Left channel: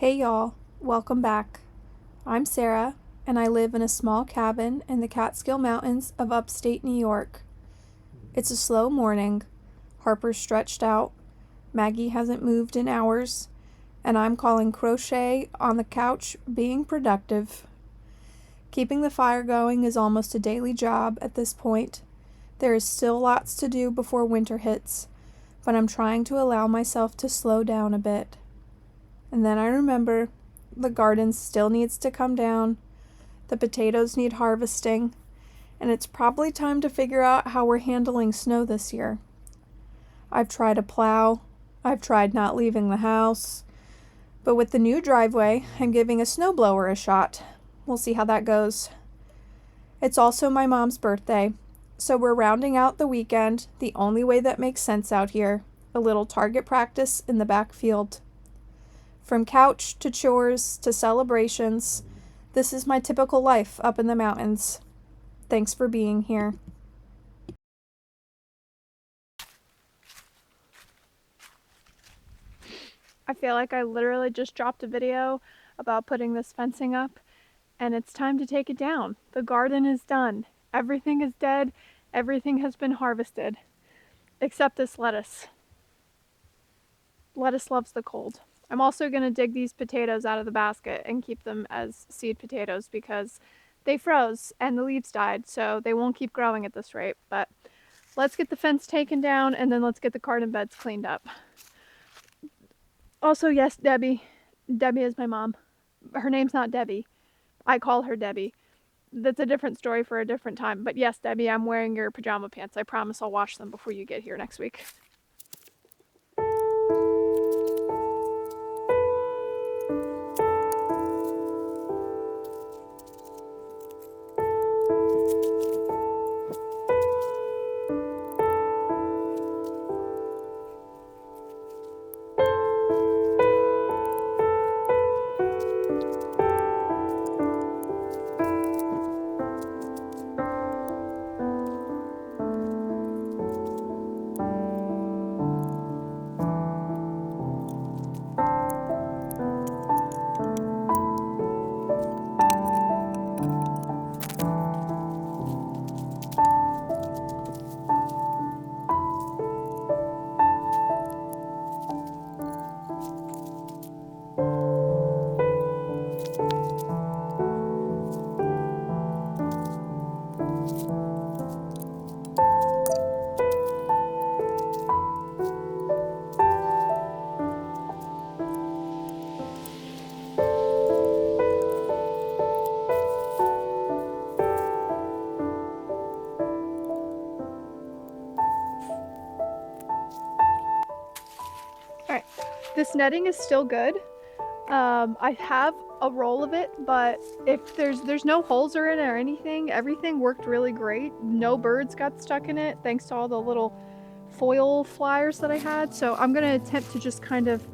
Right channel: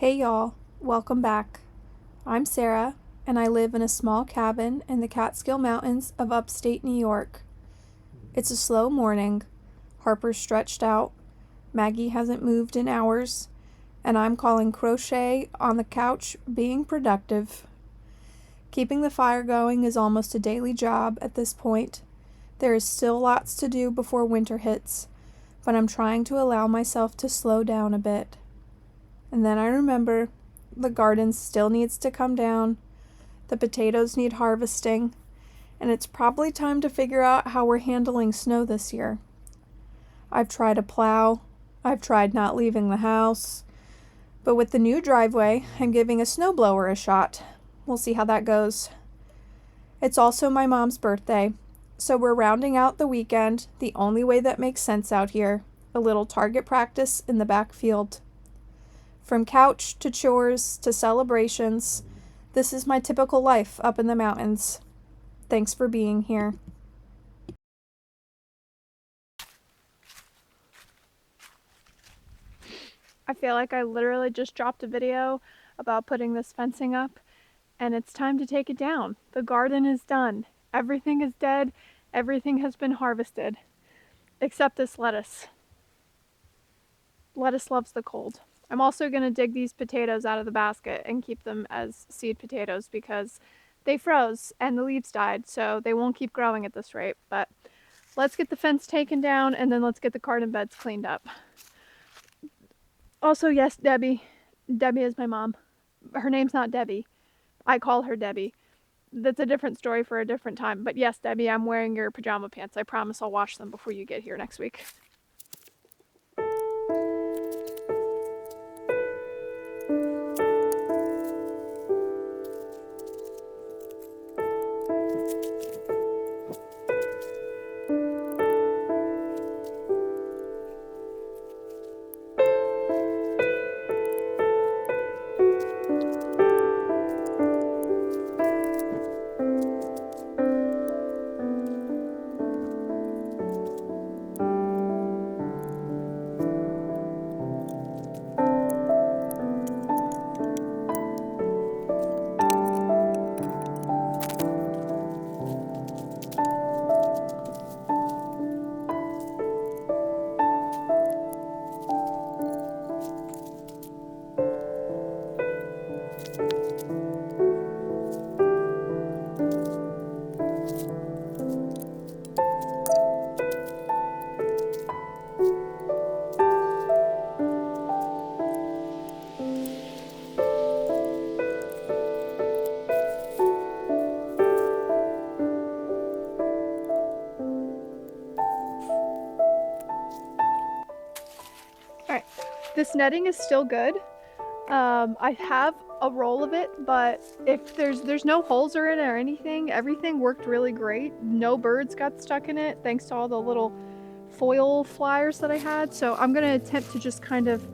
Hey y'all, welcome back. I'm Sarah, and I live in a small cabin in the Catskill Mountains of upstate New York. It's a slow morning. Harper's stretched out, Maggie hasn't moved in hours, and I'm calling crochet on the couch being productive. Keeping the fire going is almost a daily job at this point. There is still lots to do before winter hits, but I'm trying to allow myself to slow down a bit. And then I remember the garden still needs to come down, the potatoes need harvesting, and it's probably time to figure out how we're handling snow this year. I've tried a plow, I've tried not leaving the house, but with the new driveway, I'm giving a snowblower a shot. We'll see how that goes. It's also my mom's birthday, so we're rounding out the weekend the only way that makes sense out here, a little target practice in the backfield. From couch to chores to celebrations, this is my typical life up in the mountains. Thanks for being here. I feel like I literally just dropped a video about putting this fencing up, and it's time to take it down. The garden is done. Everything is dead. Everything has been harvested, except this lettuce. Lettuce loves the cold. I'm also going to dig these potatoes out of the basket and keep them as seed potatoes because they froze and the leaves died, so they won't keep growing at this rate. But let's get the fence taken down and then let's get the garden beds cleaned up. Also, yes, Debbie. Debbie is my mom. Her name's not Debbie. I call her Debbie. That's a different story for a different time. But yes, Debbie, I'm wearing your pajama pants. I promise I'll wash them before you get here next week. Alright, this netting is still good. I have a roll of it, but if there's no holes in it or anything, everything worked really great. No birds got stuck in it thanks to all the little foil flyers that I had. So I'm going to attempt to just kind of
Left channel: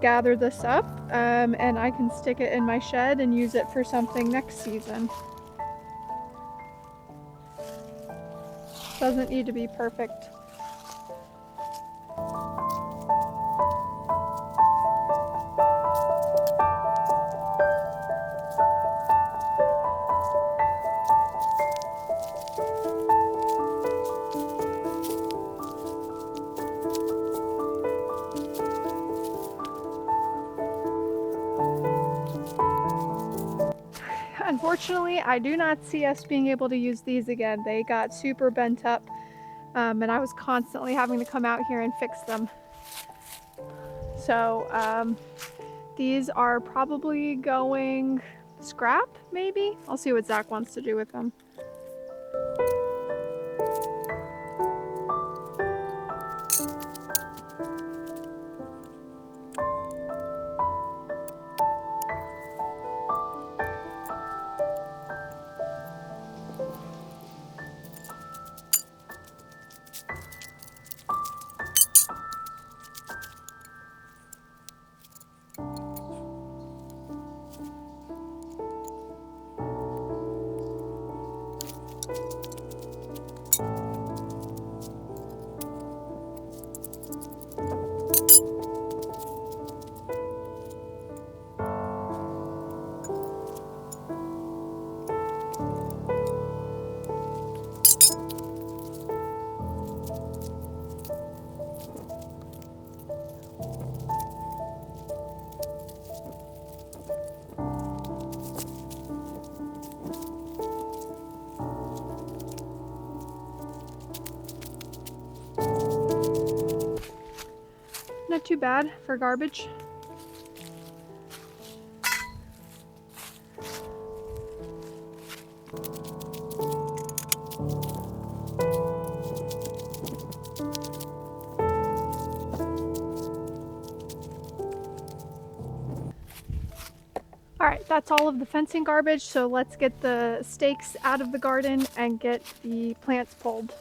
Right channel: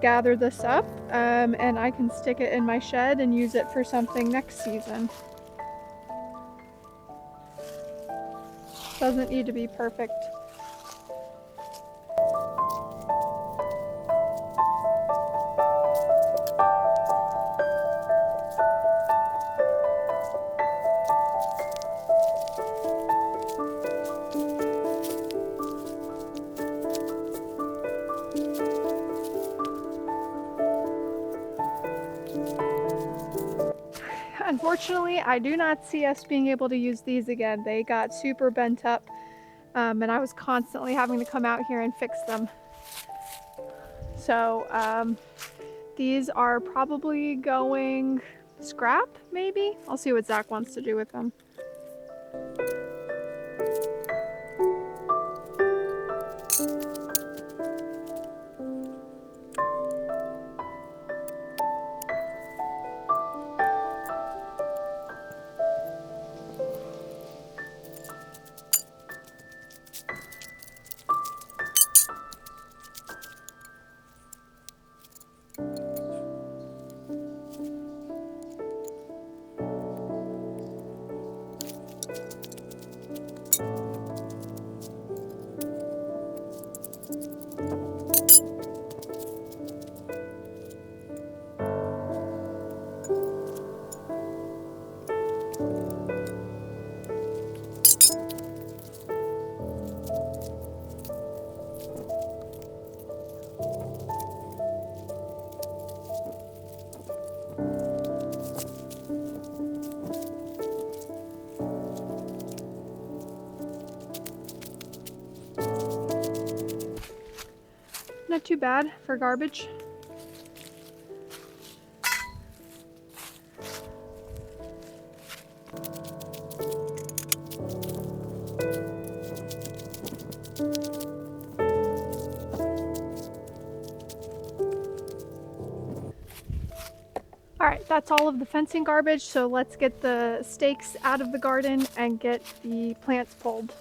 gather this up, and I can stick it in my shed and use it for something next season. Doesn't need to be perfect. Unfortunately, I do not see us being able to use these again. They got super bent up, and I was constantly having to come out here and fix them. So these are probably going scrap, maybe? I'll see what Zach wants to do with them. Not too bad for garbage. All right, that's all of the fencing garbage, so let's get the stakes out of the garden and get the plants pulled.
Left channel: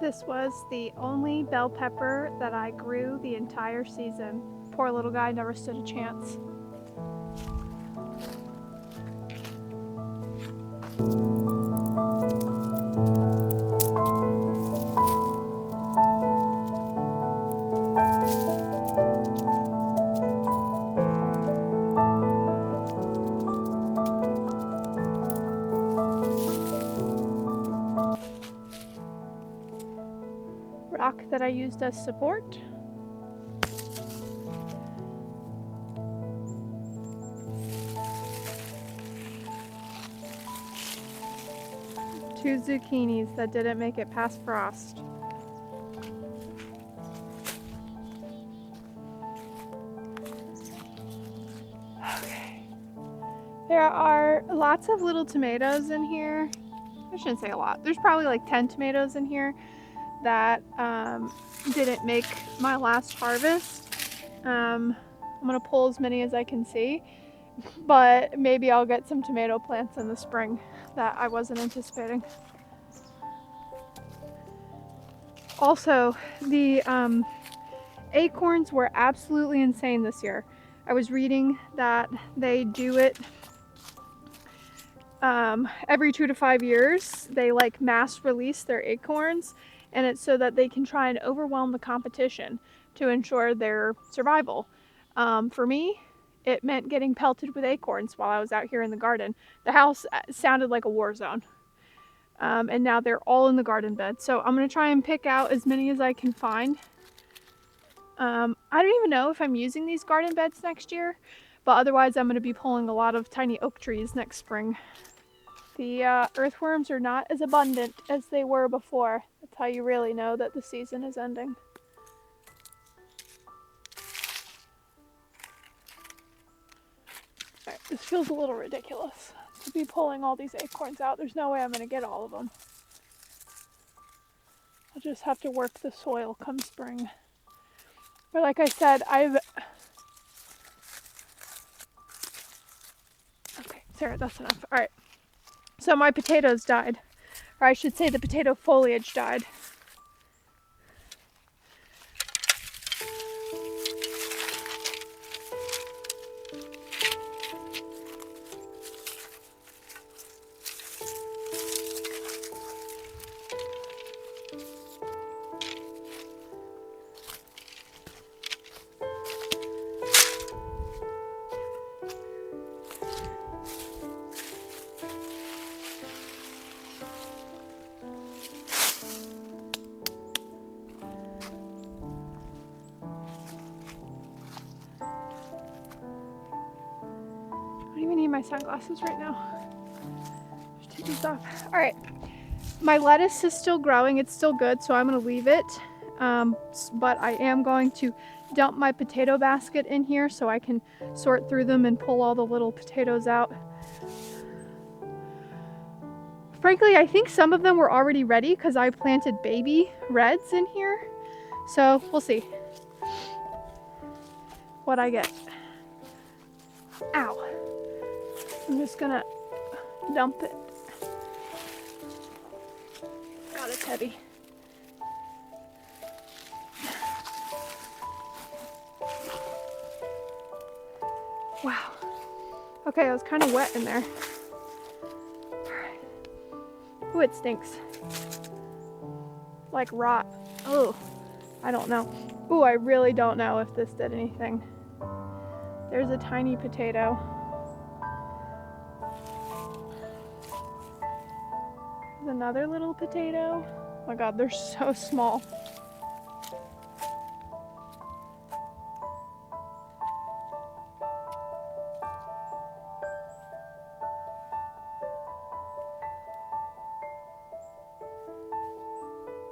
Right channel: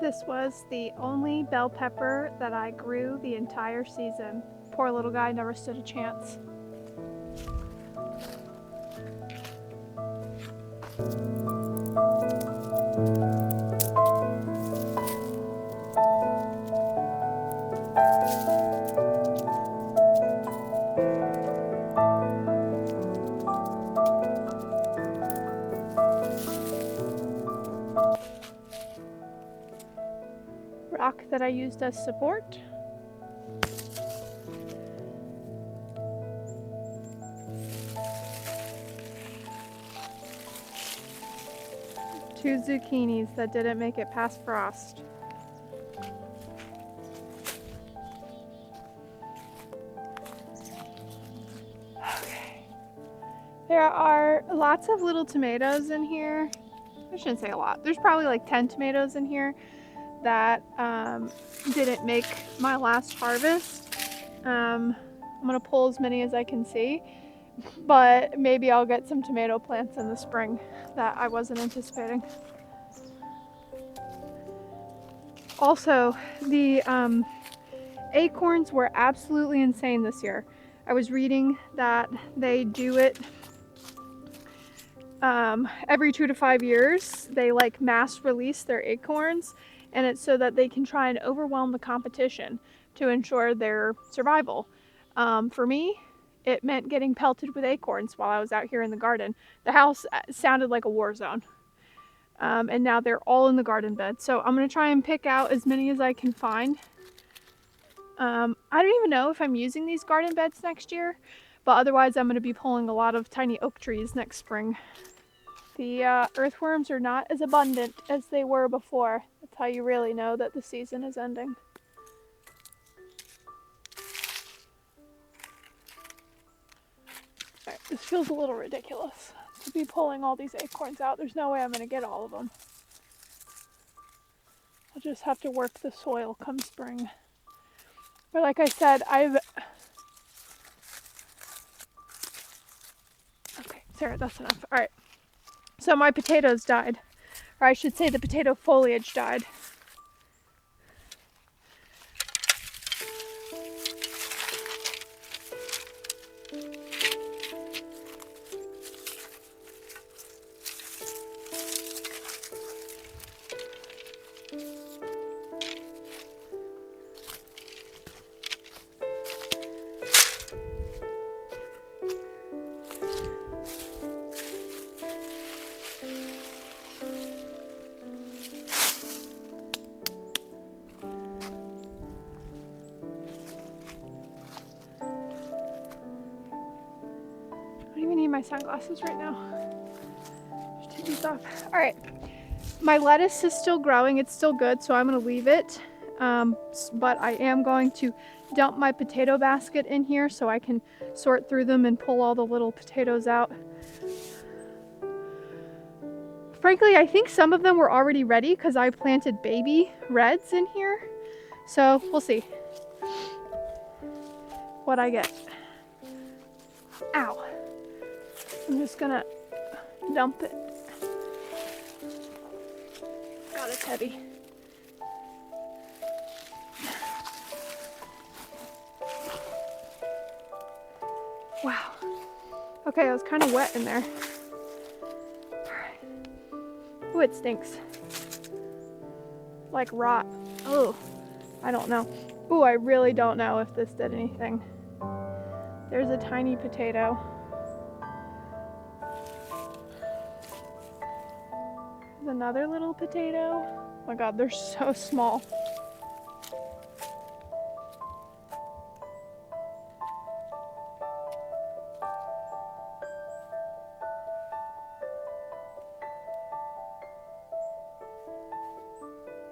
This was the only bell pepper that I grew the entire season. Poor little guy never stood a chance. Rock that I used as support. Two zucchinis that didn't make it past frost. Okay. There are lots of little tomatoes in here. I shouldn't say a lot. There's probably like 10 tomatoes in here that didn't make my last harvest. I'm gonna pull as many as I can see, but maybe I'll get some tomato plants in the spring that I wasn't anticipating. Also, the acorns were absolutely insane this year. I was reading that they do it every 2 to 5 years. They like mass release their acorns, and it's so that they can try and overwhelm the competition to ensure their survival. For me, it meant getting pelted with acorns while I was out here in the garden. The house sounded like a war zone. And now they're all in the garden bed. So I'm going to try and pick out as many as I can find. I don't even know if I'm using these garden beds next year, but otherwise I'm going to be pulling a lot of tiny oak trees next spring. The earthworms are not as abundant as they were before. That's how you really know that the season is ending. All right, this feels a little ridiculous to be pulling all these acorns out. There's no way I'm going to get all of them. I'll just have to work the soil come spring. But like I said, Okay, Sarah, that's enough. All right. So my potatoes died. Or I should say the potato foliage died. I don't even need my sunglasses right now. Just take these off. All right, my lettuce is still growing. It's still good, so I'm gonna leave it. But I am going to dump my potato basket in here so I can sort through them and pull all the little potatoes out. Frankly, I think some of them were already ready because I planted baby reds in here. So we'll see what I get. Ow. I'm just gonna dump it. God, it's heavy. Wow. Okay, it was kind of wet in there. Ooh, it stinks. Like rot. Oh, I don't know. Ooh, I really don't know if this did anything. There's a tiny potato. There's another little potato. Oh my god, they're so small.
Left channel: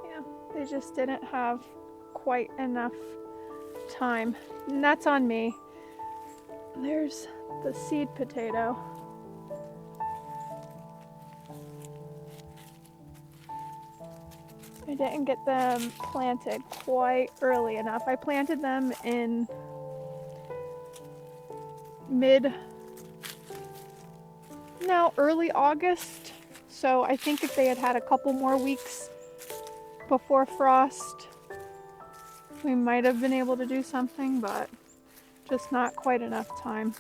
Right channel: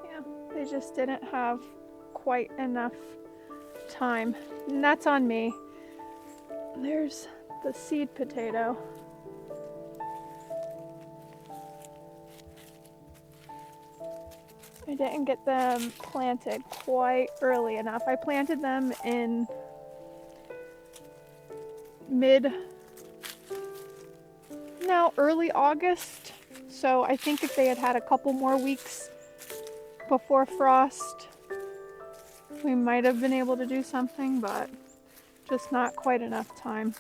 Yeah, they just didn't have quite enough time. And that's on me. There's the seed potato. I didn't get them planted quite early enough. I planted them in early August. So I think if they had had a couple more weeks before frost, we might have been able to do something, but just not quite enough time.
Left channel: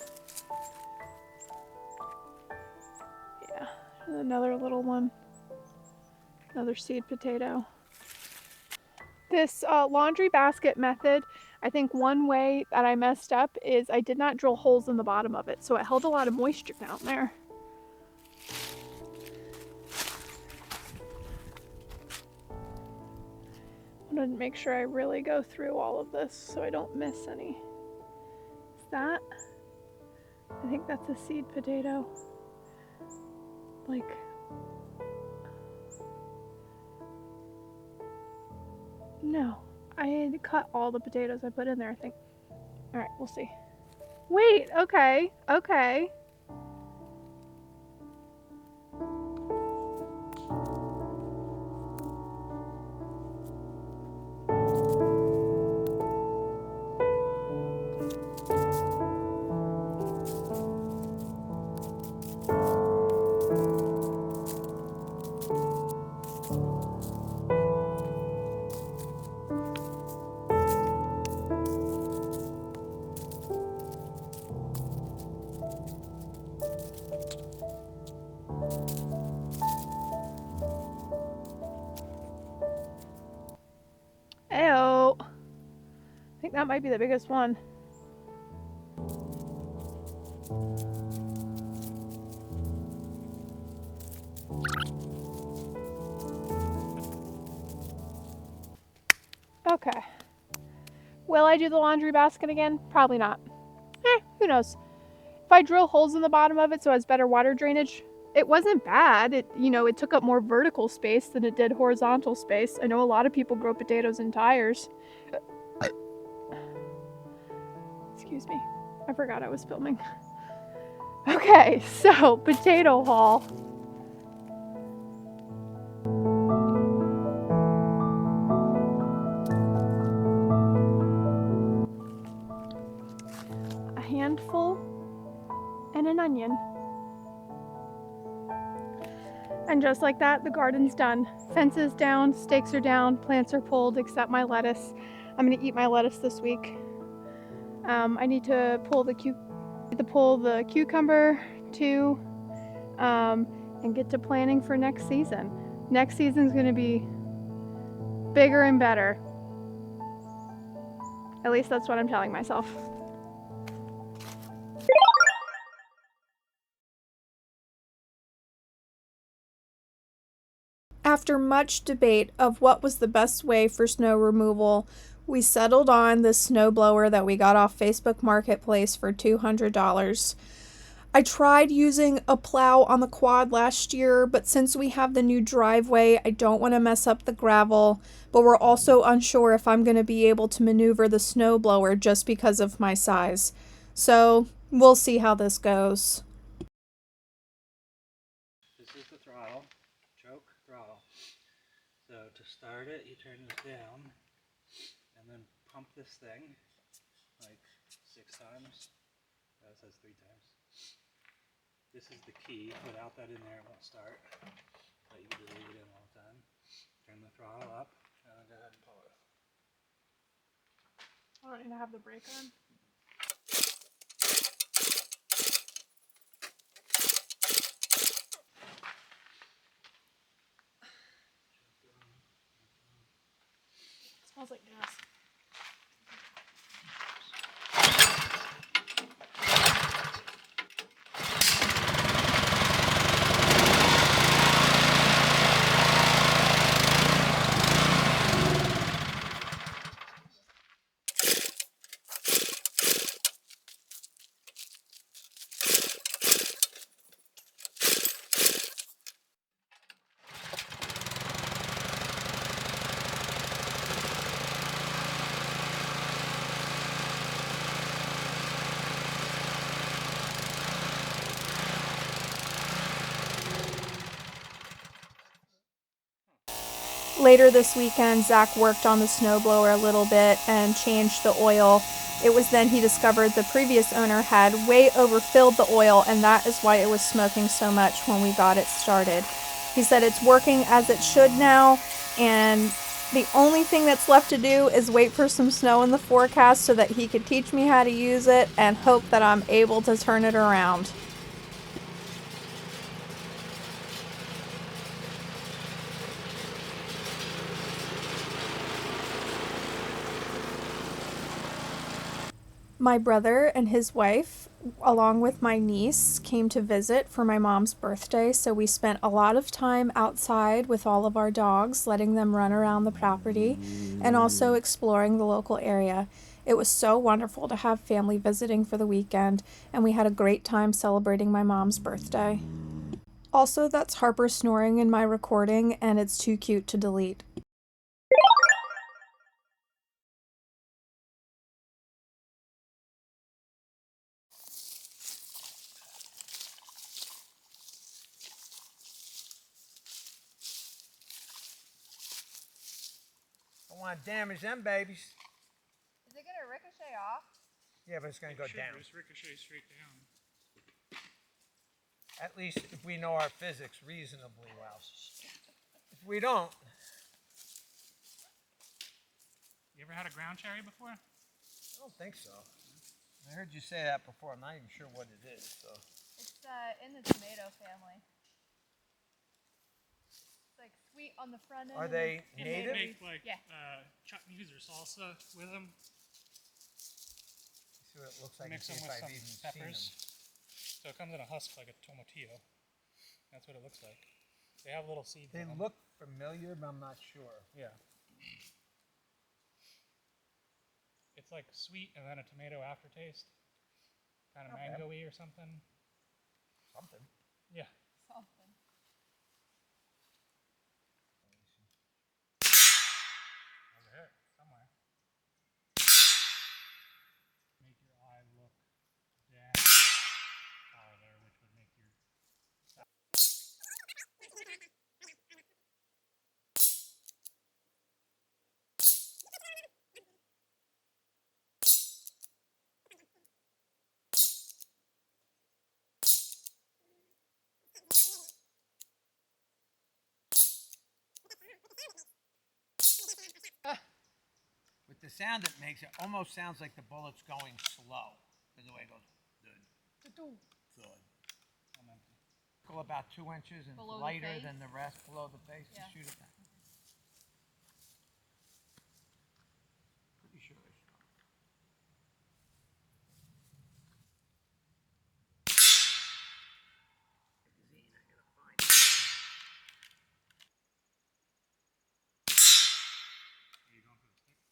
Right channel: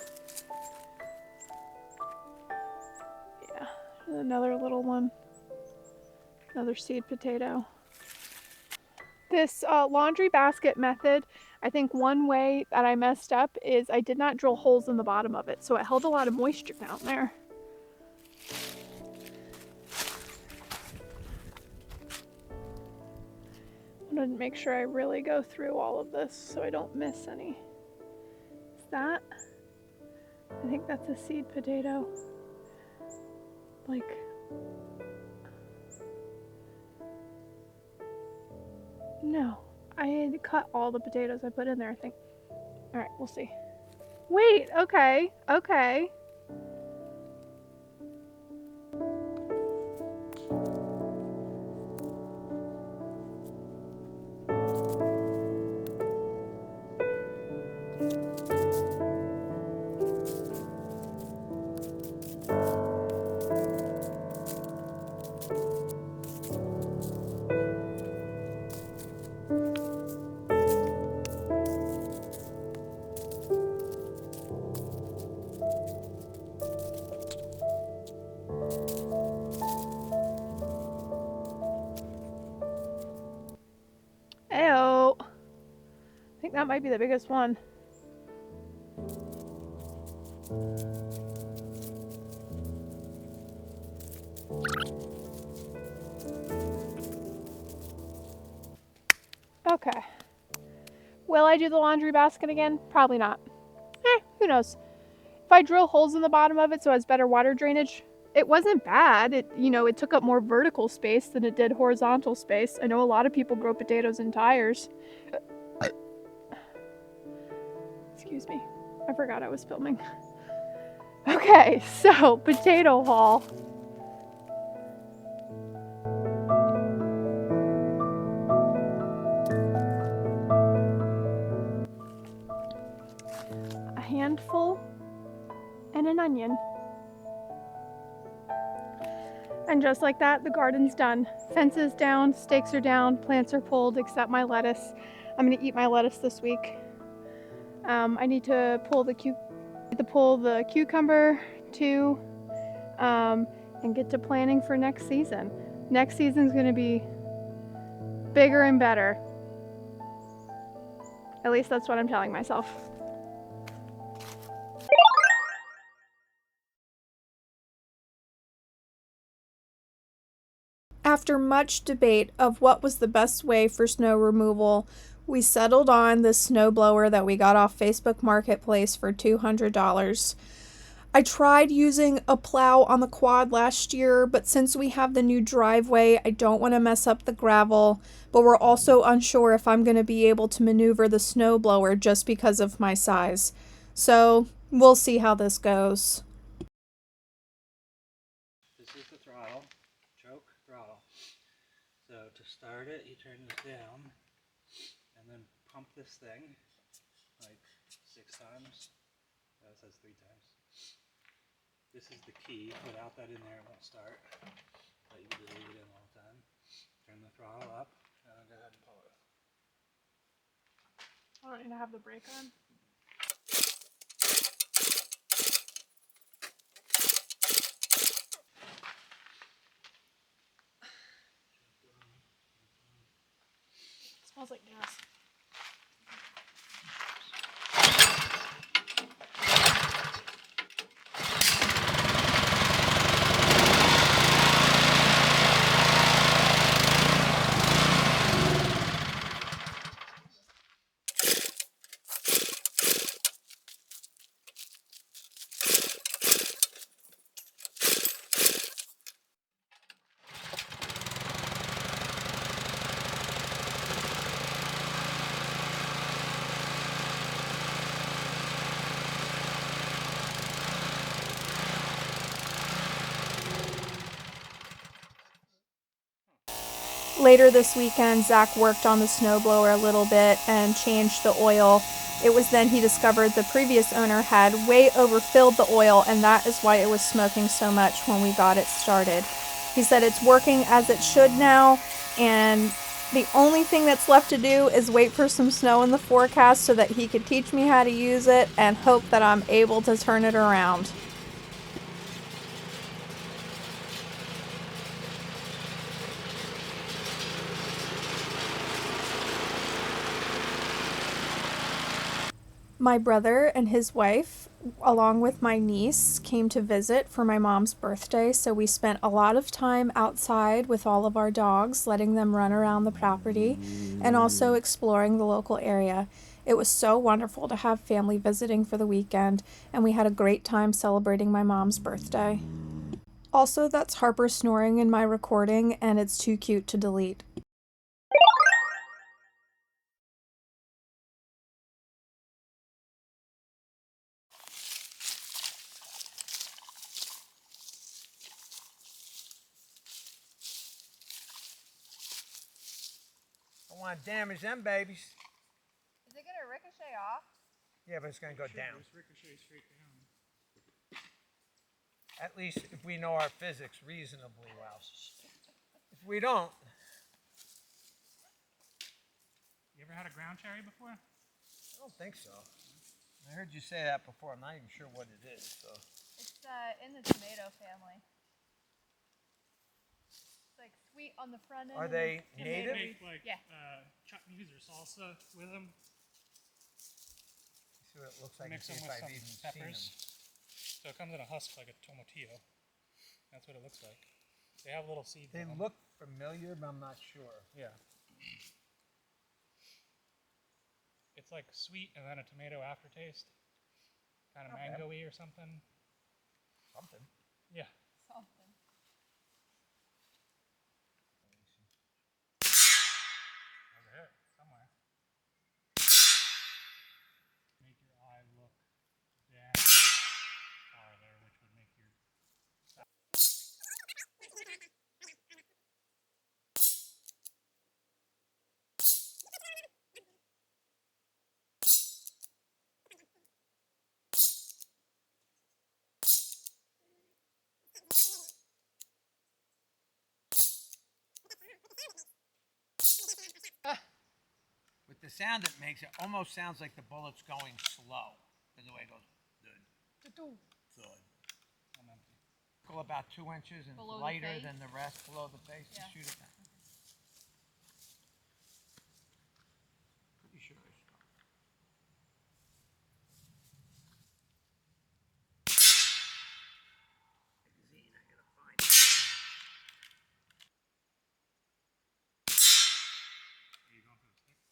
Yeah, another little one, another seed potato. This laundry basket method, I think one way that I messed up is I did not drill holes in the bottom of it, so it held a lot of moisture down there. I wanted to make sure I really go through all of this so I don't miss any. Is that? I think that's a seed potato. Like, no, I had cut all the potatoes I put in there, I think. All right, we'll see. Wait, okay. Ew. I think that might be the biggest one. Okay. Will I do the laundry basket again? Probably not. Who knows? If I drill holes in the bottom of it so it has better water drainage, it wasn't bad. It took up more vertical space than it did horizontal space. I know a lot of people grow potatoes in tires. Excuse me. I forgot I was filming. Okay, so potato haul. A handful and an onion. And just like that, the garden's done. Fence is down, stakes are down, plants are pulled, except my lettuce. I'm gonna eat my lettuce this week. I need to pull the cucumber too, and get to planning for next season. Next season's gonna be bigger and better. At least that's what I'm telling myself. After much debate of what was the best way for snow removal, we settled on the snowblower that we got off Facebook Marketplace for $200. I tried using a plow on the quad last year, but since we have the new driveway, I don't want to mess up the gravel, but we're also unsure if I'm going to be able to maneuver the snowblower just because of my size. So we'll see how this goes. This is the throttle, choke throttle. So to start it, you turn this down and then pump this thing like 6 times. That says 3 times. This is the key. Without that in there, it won't start. But you can just leave it in all the time. Turn the throttle up and then go ahead and pull it. I don't need to have the brake on. smells like gas. Later this weekend, Zach worked on the snowblower a little bit and changed the oil. It was then he discovered the previous owner had way overfilled the oil, and that is why it was smoking so much when we got it started. He said it's working as it should now, and the only thing that's left to do is wait for some snow in the forecast so that he could teach me how to use it and hope that I'm able to turn it around. My brother and his wife, along with my niece, came to visit for my mom's birthday, so we spent a lot of time outside with all of our dogs, letting them run around the property, and also exploring the local area. It was so wonderful to have family visiting for the weekend, and we had a great time celebrating my mom's birthday. Also, that's Harper snoring in my recording, and it's too cute to delete. Don't want to damage them babies. Is it gonna ricochet off? Yeah, but it's going to go down. Just ricochet straight down. At least if we know our physics reasonably well. If we don't. You ever had a ground cherry before? I don't think so. I heard you say that before. I'm not even sure what it is. So. It's in the tomato family. It's like sweet on the front end. Are they And native? they make like Yeah. chutneys or salsa with them. See what it looks like. Mix And them see with if I've some even peppers. seen them. So it comes in a husk like a tomatillo. That's what it looks like. They have little seeds They in them. look familiar, but I'm not sure. Yeah. It's like sweet and then a tomato aftertaste. Kind of Not bad. mango-y or something. Something. Yeah. Something. Over here, somewhere. Make your eye look down farther, which would make your... With the sound it makes, it almost sounds like the bullet's going slow. The way it goes. Thud. I'm empty. Go about 2 inches and Below the lighter face? than the rest below the face Yeah. to shoot it back. Pretty sure it's not. Magazine, I gotta find it. Are you going for the stick?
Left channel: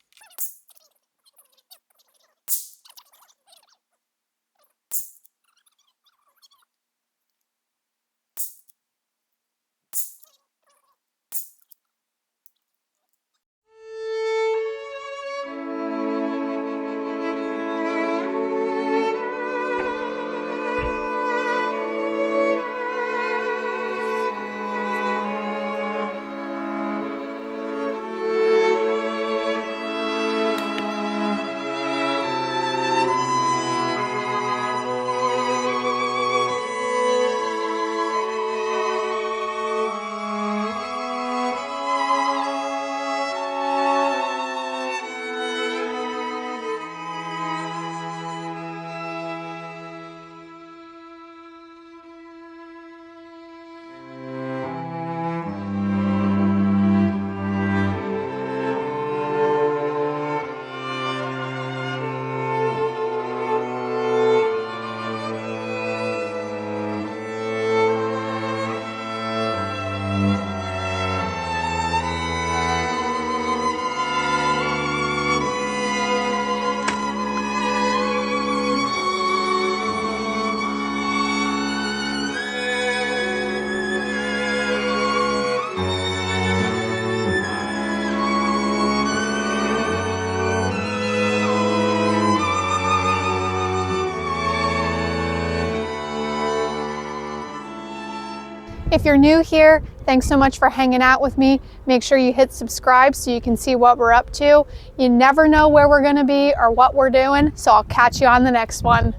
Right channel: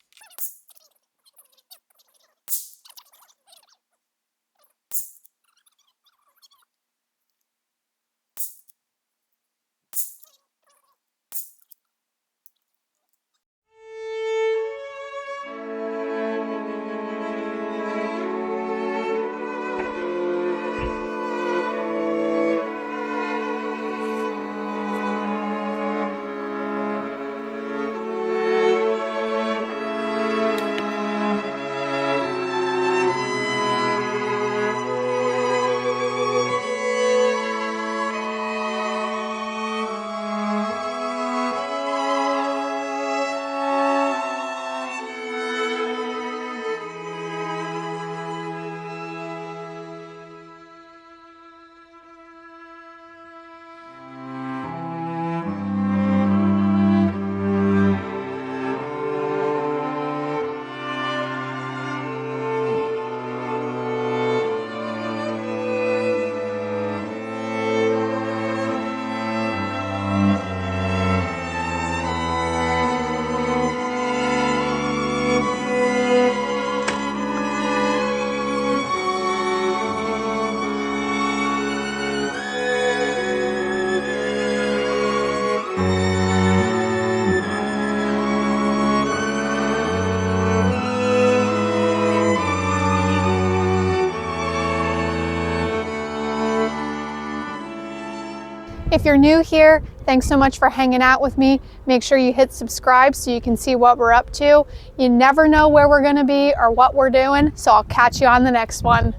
If you're new here, thanks so much for hanging out with me. Make sure you hit subscribe so you can see what we're up to. You never know where we're going to be or what we're doing, so I'll catch you on the next one.